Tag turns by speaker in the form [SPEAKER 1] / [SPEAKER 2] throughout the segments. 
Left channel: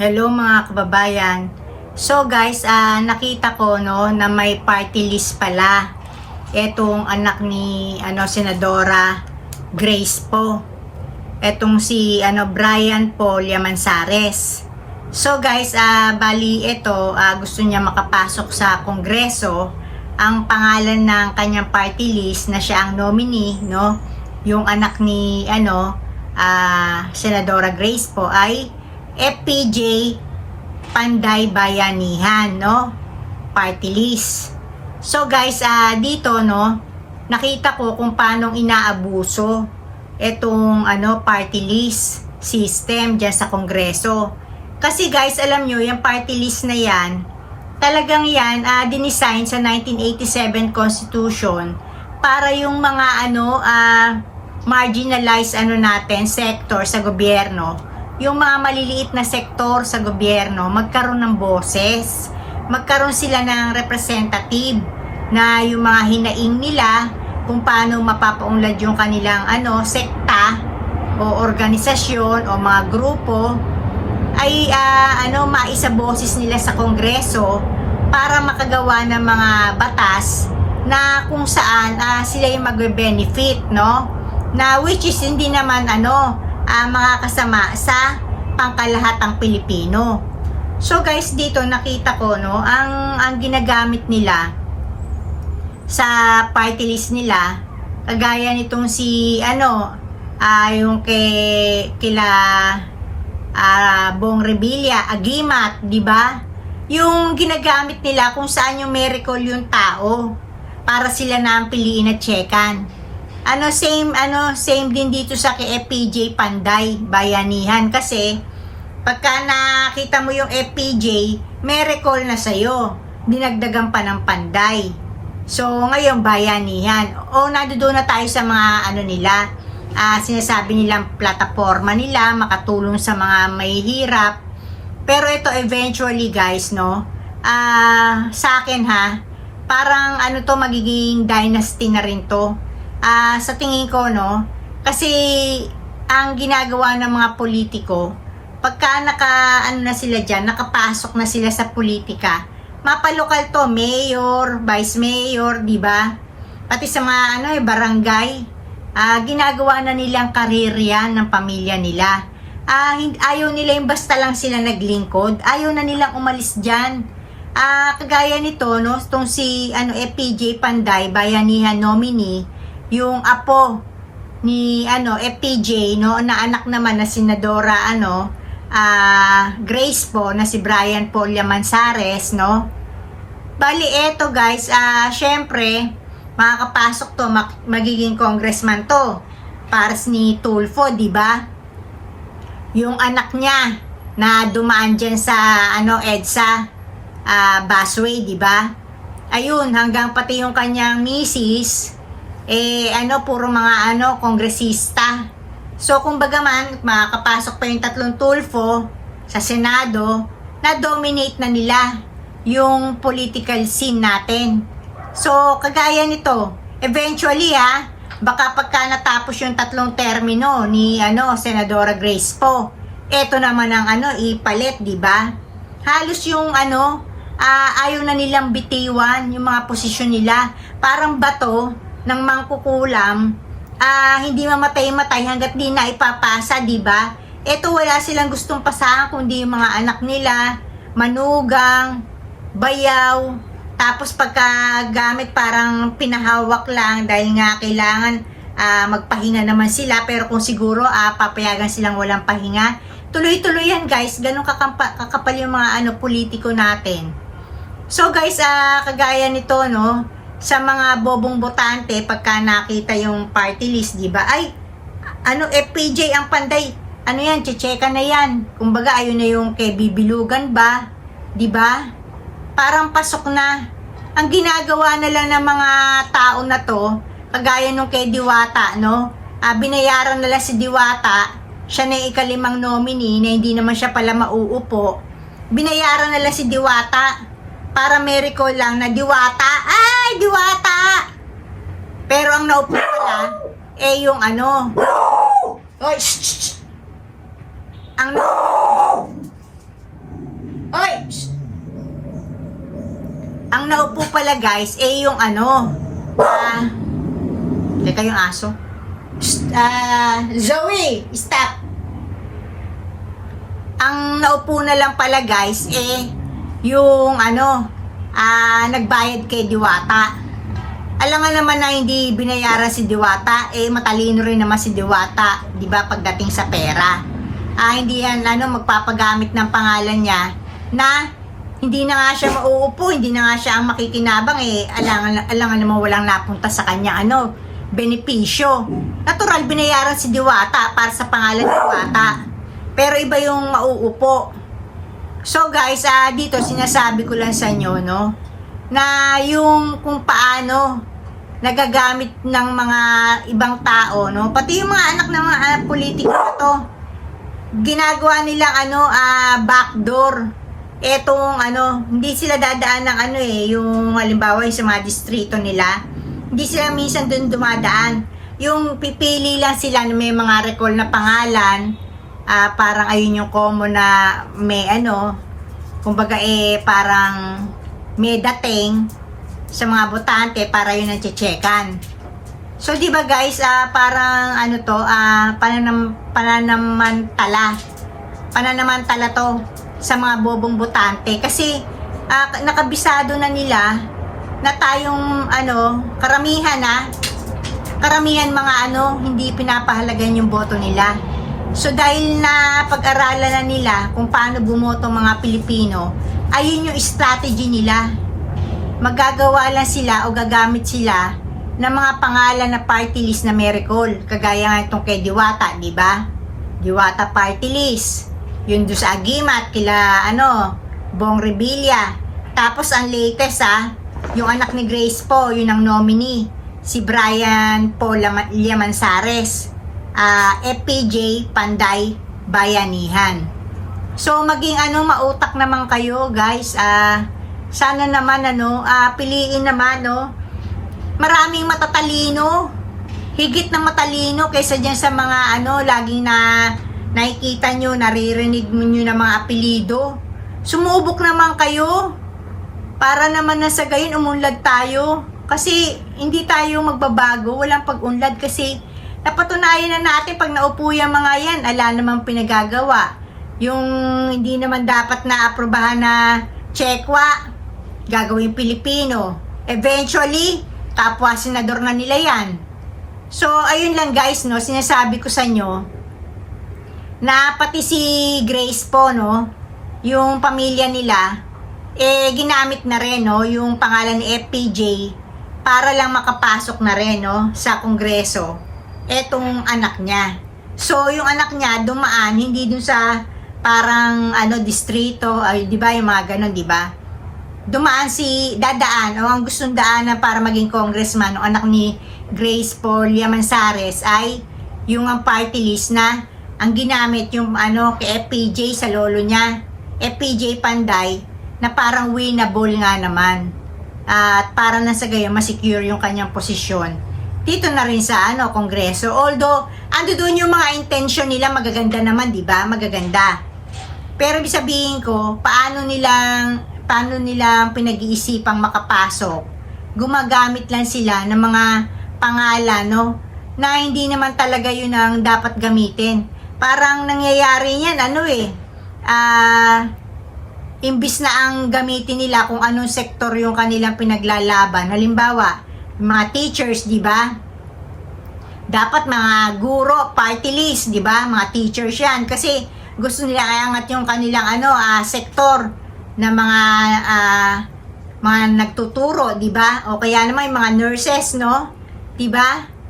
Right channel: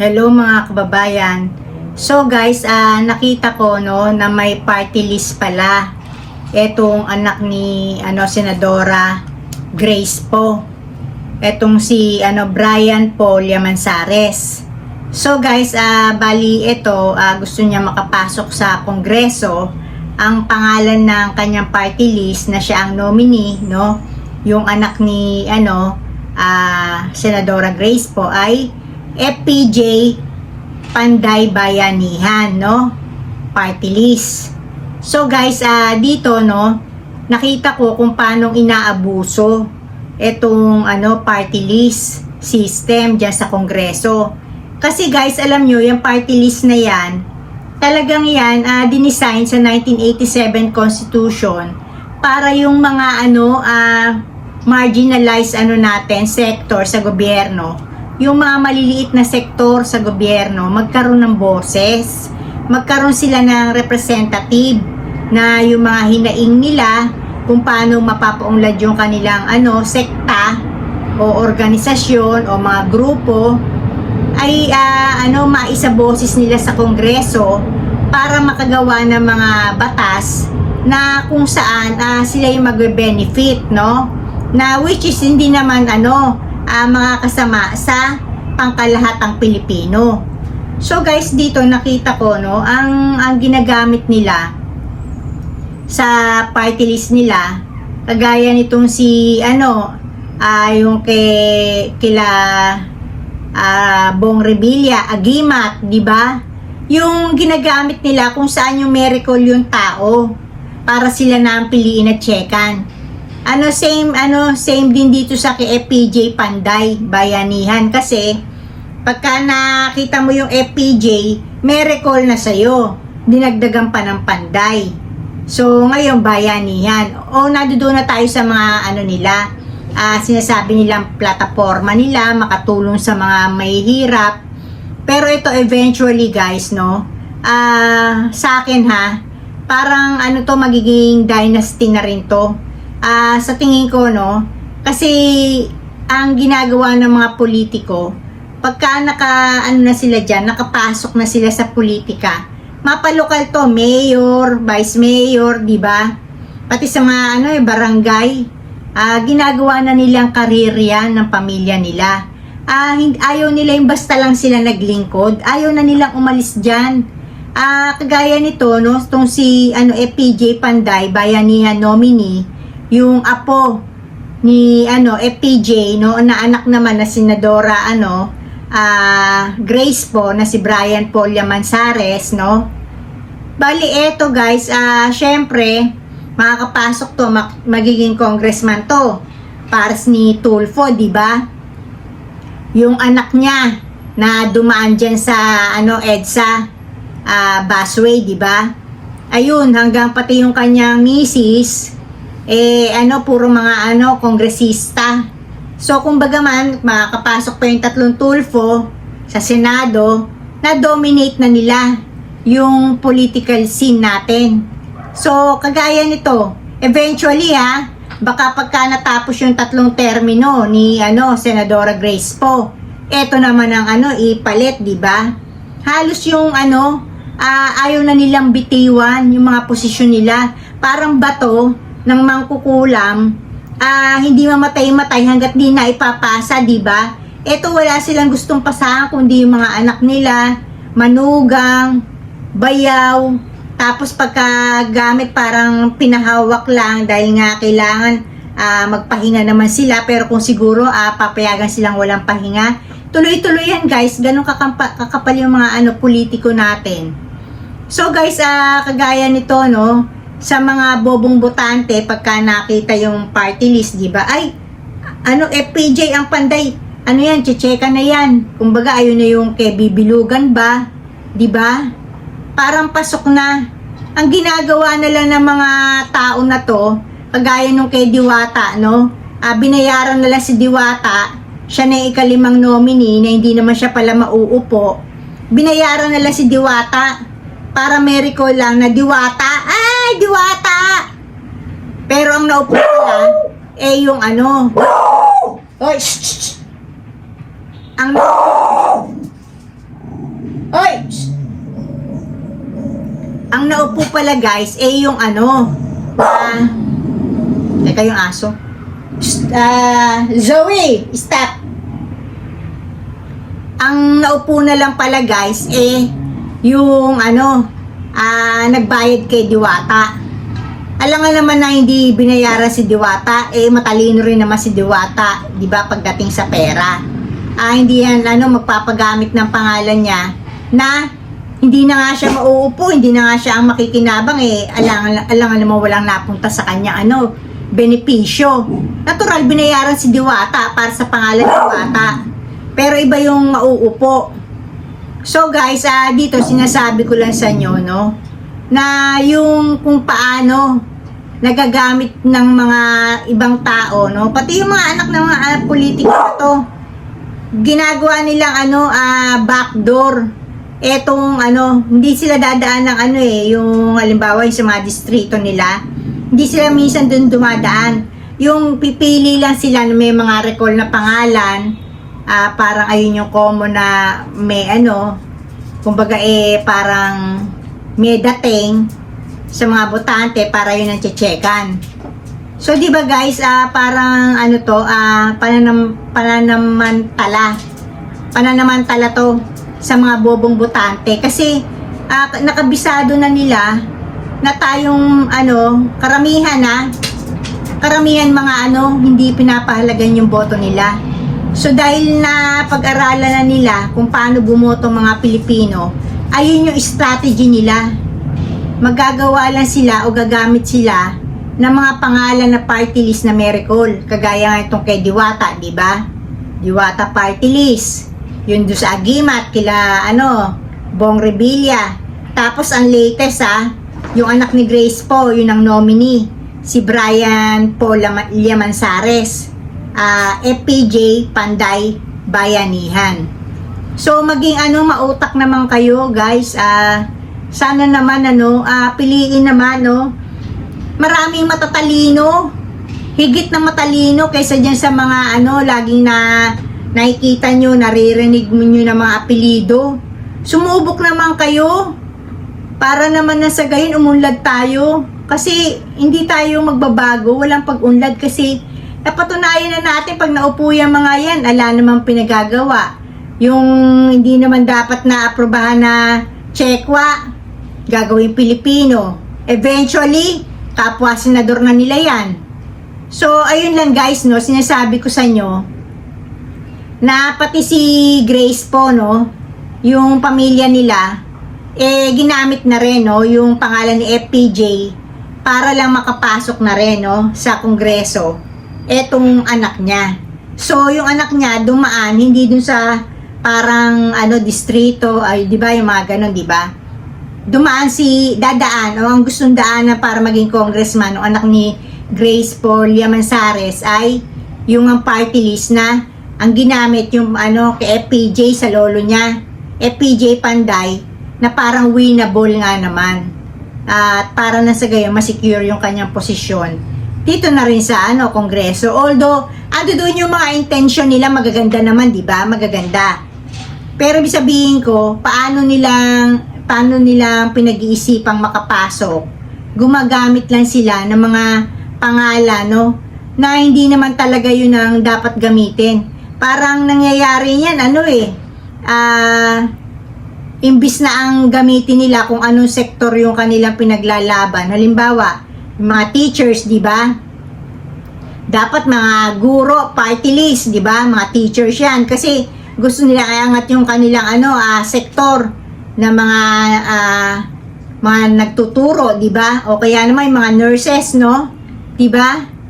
[SPEAKER 1] Hello mga kababayan. So guys, ah, nakita ko no na may party list pala. Etong anak ni ano senadora Grace po. Etong si ano Brian Paul Yamansares. So guys, ah bali ito ah, gusto niya makapasok sa kongreso. Ang pangalan ng kanyang party list na siya ang nominee, no? Yung anak ni ano ah, senadora Grace po ay FPJ Panday Bayanihan, no? Party list. So guys, ah dito no, nakita ko kung paano inaabuso itong ano party list system diyan sa Kongreso. Kasi guys, alam nyo, yung party list na yan, talagang yan ah dinisign sa 1987 Constitution para yung mga ano ah marginalized ano natin sector sa gobyerno yung mga maliliit na sektor sa gobyerno magkaroon ng boses, magkaroon sila ng representative na yung mga hinaing nila kung paano mapapaunlad yung kanilang ano sekta o organisasyon o mga grupo ay ah, ano maisa boses nila sa kongreso para makagawa ng mga batas na kung saan ah, sila yung magbe-benefit no? Na which is hindi naman ano ah, mga kasama sa pangkalahatang Pilipino. So guys, dito nakita ko no, ang ang ginagamit nila sa party list nila, kagaya nitong si ano, ah yung kay kila ah Bong Revilla, Agimat, di ba? Yung ginagamit nila kung saan yung miracle yung tao para sila na ang piliin at checkan. Ano same ano same din dito sa kay FPJ Panday Bayanihan. Kasi pagka nakita mo yung FPJ may recall na sa'yo. Dinagdagan pa ng Panday. So ngayon Bayanihan. O nadudo na tayo sa mga ano nila ah, sinasabi nilang plataforma nila makatulong sa mga mahihirap pero ito eventually guys no ah sa akin ha parang ano to magiging dynasty na rin to ah sa tingin ko no kasi ang ginagawa ng mga politiko pagka naka ano na sila diyan nakapasok na sila sa politika mapalokal to mayor vice mayor di ba? Pati sa mga ano eh, barangay ah ginagawa na nilang karir yan ng pamilya nila. Hin- ayaw nila yung basta lang sila naglingkod ayaw na nilang umalis diyan ah kagaya nito no tong si ano FPJ Panday bayanihan nominee yung apo ni ano FPJ no na anak naman na senadora ano ah Grace po na si Brian Paul Mansares no. Bali eto guys ah syempre makakapasok to mak- magiging congressman to pares ni Tulfo di ba? Yung anak niya na dumaan dyan sa ano EDSA ah, busway di ba? Ayun hanggang pati yung kanyang misis eh ano puro mga ano kongresista. So kumbaga man makakapasok pa yung tatlong tulfo sa senado na dominate na nila yung political scene natin. So kagaya nito eventually ha baka pagka natapos yung tatlong termino ni ano senadora Grace po eto naman ang ano ipalit di ba? Halos yung ano ah, ayaw na nilang bitiwan yung mga posisyon nila. Parang bato ng mangkukulam ah, hindi mamatay-matay hanggat di na ipapasa, di ba? Ito wala silang gustong pasahan kundi yung mga anak nila, manugang, bayaw, tapos pagka gamit parang pinahawak lang dahil nga kailangan ah, magpahinga naman sila pero kung siguro ah, papayagan silang walang pahinga, tuloy-tuloy yan guys, ganun kakampa, kakapal yung mga ano politiko natin. So guys, ah, kagaya nito no, sa mga bobong botante pagka nakita yung party list, di ba? Ay, ano FPJ ang panday. Ano yan, chicheka na yan. Kumbaga ayun na yung kay bibilugan ba? Di ba? Parang pasok na. Ang ginagawa na lang ng mga tao na to, kagaya nung kay Diwata, no? Ah, binayaran na lang si Diwata, siya na yung ikalimang nominee na hindi naman siya pala mauupo. Binayaran na lang si Diwata para miracle lang na Diwata. Ay, Diwata! Pero ang naupo pala, eh yung ano. Oy, shh, shh. Ang naupo, Oy! Shh! Ang naupo pala guys, eh yung ano, ah, teka yung aso. Ah, Zoe, stop. Ang naupo na lang pala guys, eh, yung ano, ah, nagbayad kay Diwata. Alam nga naman na hindi binayaran si Diwata, eh matalino rin naman si Diwata, 'di ba pagdating sa pera. Ah, hindi yan ano magpapagamit ng pangalan niya na hindi na nga siya mauupo, hindi na nga siya ang makikinabang eh. Alang alang naman walang napunta sa kanya ano, benepisyo. Natural binayaran si Diwata para sa pangalan ni Diwata. Pero iba yung mauupo. So guys, ah, dito sinasabi ko lang sa inyo, no, na yung kung paano nagagamit ng mga ibang tao, no, pati yung mga anak ng mga uh, politiko to, ginagawa nilang ano, ah, backdoor. Etong ano, hindi sila dadaan ng ano eh, yung halimbawa yung sa mga distrito nila, hindi sila minsan dun dumadaan. Yung pipili lang sila may mga recall na pangalan, ah parang ayun yung common na may ano, kumbaga eh parang may dating sa mga botante para yun ang checkan. So di ba guys, ah parang ano to, ah pananam pananamantala. Pananamantala to sa mga bobong botante kasi ah, nakabisado na nila na tayong ano, karamihan na karamihan mga ano, hindi pinapahalagan yung boto nila. So dahil na pag-aralan na nila kung paano bumoto mga Pilipino, ayun yung strategy nila. Magagawa lang sila o gagamit sila ng mga pangalan na party list na miracle. Kagaya nga itong kay Diwata, di ba? Diwata party list. Yun doon sa Agimat, kila ano, Bong Revilla. Tapos ang latest ha, yung anak ni Grace po, yun ang nominee. Si Brian Paul Liamansares. Ah, FPJ Panday Bayanihan. So maging ano mautak naman kayo guys. Ah, sana naman ano, ah, piliin naman no. Maraming matatalino. Higit na matalino kaysa diyan sa mga ano laging na nakikita nyo, naririnig mo nyo ng mga apelido. Sumubok naman kayo para naman na sa gayon umunlad tayo. Kasi hindi tayo magbabago, walang pag-unlad kasi napatunayan na natin pag naupo yung mga yan, ala namang pinagagawa. Yung hindi naman dapat na aprobahan na Chekwa, gagawin Pilipino. Eventually, kapwa senador na nila yan. So, ayun lang guys, no, sinasabi ko sa inyo, na pati si Grace po, no, yung pamilya nila, eh, ginamit na rin, no, yung pangalan ni FPJ para lang makapasok na rin, no, sa kongreso, etong anak niya. So, yung anak niya dumaan, hindi dun sa parang, ano, distrito, ay, di ba, yung mga ganon, di ba? Dumaan si, dadaan, o ang gustong daanan para maging congressman, o anak ni Grace Paul Mansares ay yung ang party list na ang ginamit yung ano kay FPJ sa lolo niya, FPJ Panday, na parang winnable nga naman. At para na sa gayon masecure yung kanyang posisyon. Dito na rin sa ano, kongreso. Although, ando doon yung mga intention nila magaganda naman, di ba? Magaganda. Pero sabihin ko, paano nilang paano nilang pinag-iisipang makapasok? Gumagamit lang sila ng mga pangalan, no? Na hindi naman talaga yun ang dapat gamitin parang nangyayari yan, ano eh, ah, imbis na ang gamitin nila kung anong sektor yung kanilang pinaglalaban. Halimbawa, mga teachers, di ba? Dapat mga guro, party list, di ba? Mga teachers yan. Kasi gusto nila kayangat yung kanilang ano, ah, sektor na mga ah, mga nagtuturo, di ba? O kaya naman yung mga nurses, no? Di ba?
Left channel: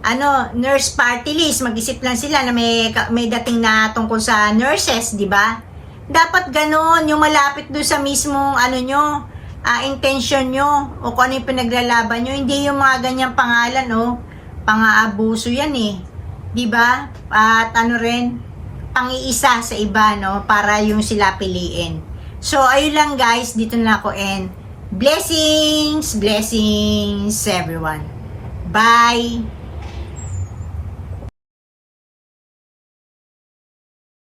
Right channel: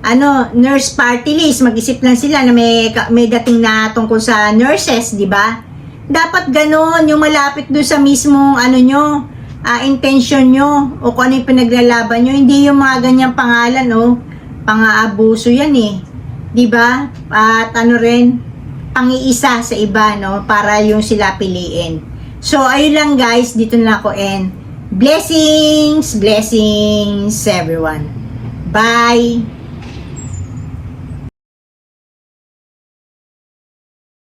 [SPEAKER 1] ano, nurse party list, mag-isip lang sila na may, may dating na tungkol sa nurses, di ba? Dapat ganon, yung malapit doon sa mismong, ano nyo, uh, intention nyo, o kung ano yung pinaglalaban nyo, hindi yung mga ganyang pangalan, no? Pang-aabuso yan eh. Di ba? At ano rin, pangiisa sa iba, no? Para yung sila piliin. So, ayun lang guys, dito na ako and blessings, blessings everyone. Bye!